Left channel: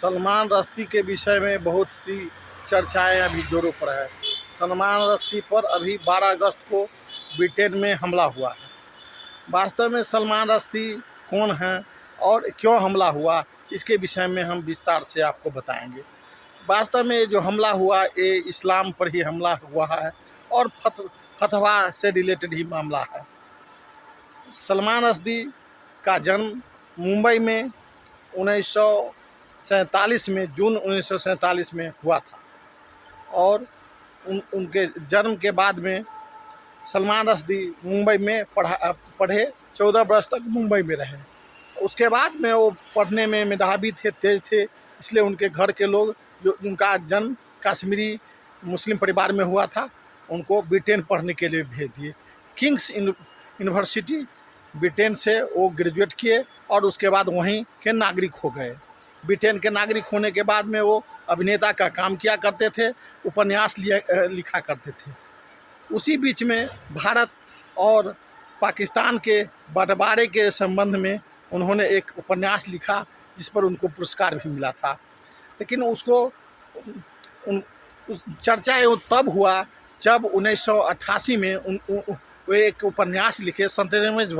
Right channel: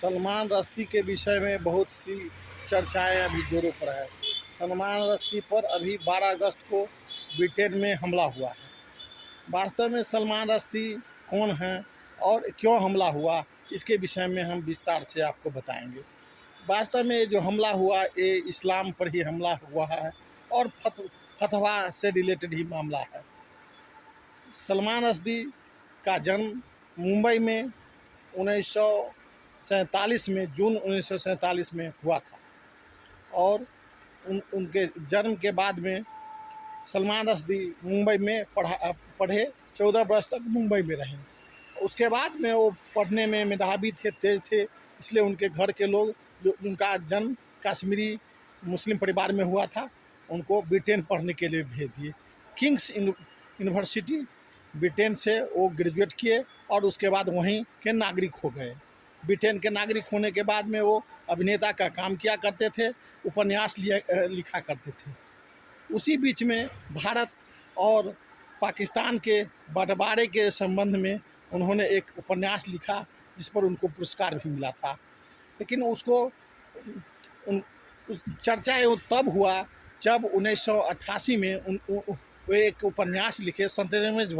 सलमान रश्दी के विषय में बहुत सी चर्चाएं अभी जोरों पर है। सलमान रश्दी पर अभी 12 अगस्त को ब्रिटेन में हमला हुआ है। वास्तव में सलमान रश्दी कौन हैं और क्यों हमला हुआ, इसके विषय में हम विस्तार से आपको बताएंगे। वास्तव में जो हमला हुआ ये इस्लाम पर ही हमला हुआ है और फतवा से रिलेटेड ही मामला है। सलमान रश्दी का जन्म मुंबई में 1947 में जून 1947 में हुआ था और उनके जन्म के बाद में सलमान रश्दी मुंबई में पढ़े 14 वर्ष तक मुंबई में रहे। उसके बाद में वो पढ़ने में मेधावी थे, तेज थे, इसलिए उनके घर के लोग, जो उनका जन्म कश्मीरी मुस्लिम परिवार में हुआ था, उनको ब्रिटेन पढ़ने के लिए भेज दिए। किंग्स यूनिवर्सिटी ब्रिटेन से वो ग्रेजुएट किए और उसके बाद वहीं के नागरिक हो गए। ब्रिटेन के नागरिक होने के बाद में वो अभिनेता का काम किया करते थे, उपन्यास लिखा करते थे। उसी बीच में भारत और पाकिस्तान के बंटवारे के संबंध में उन्होंने एक उपन्यास लिखा जिस पर उनको पुरस्कार भी मिला था। लेकिन उसको चर्चा तब हुआ जब 1988 में वे एक उपन्यास लिखे, सत्यमेव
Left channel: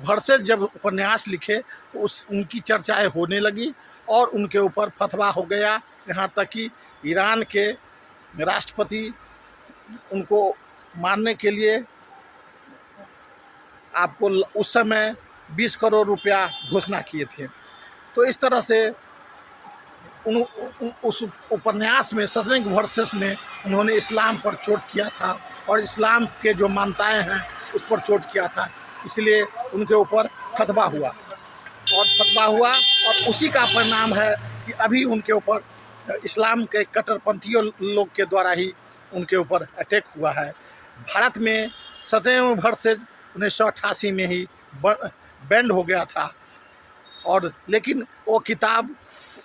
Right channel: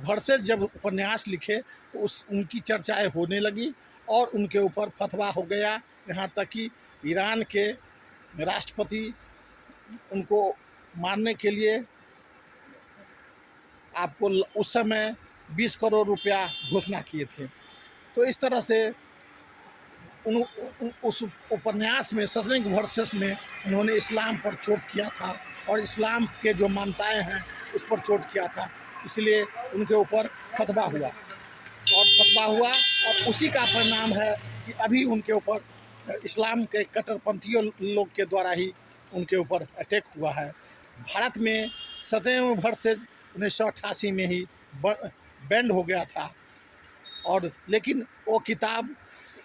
भरसेज जब उपन्यास लिखे तो उनकी चर्चाएं होने लगी और उनके ऊपर फतवा हो गया। यहाँ तक कि ईरान के राष्ट्रपति उनको मारने के लिए आपको उस समय 20 करोड़ रुपया घोषणा किए थे। तो इस तरह से उस उपन्यास में सत्यमेव भरसेज में उन्होंने इस्लाम पर चोट किया था और इस्लाम के जो मान्यताएं हैं उस पर चोट किया था, इसलिए उनके ऊपर फतवा हुआ और उसी का परिणाम है कि अभी उनके ऊपर इस्लाम के कट्टरपंथियों लोग के द्वारा ही उनके ऊपर अटैक हुआ है। भारत में सत्यमेव भरसेज 1988 में ही बैंड हो गया था और लेकिन वो किताब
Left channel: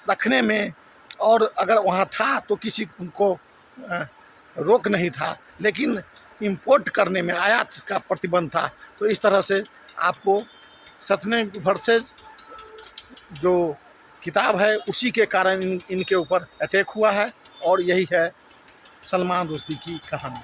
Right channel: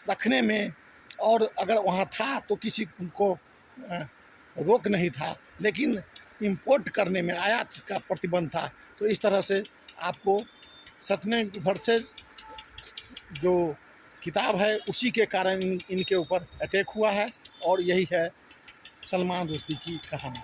रखने में और अगर वहाँ था तो किसी को रोक नहीं था, लेकिन इंपोर्ट करने में आयात का प्रतिबंध था। तो इस तरह से आपको सत्यमेव भरसेज जो किताब है उसी के कारण इनके ऊपर अटैक हुआ है और यही है सलमान रश्दी की कहानी।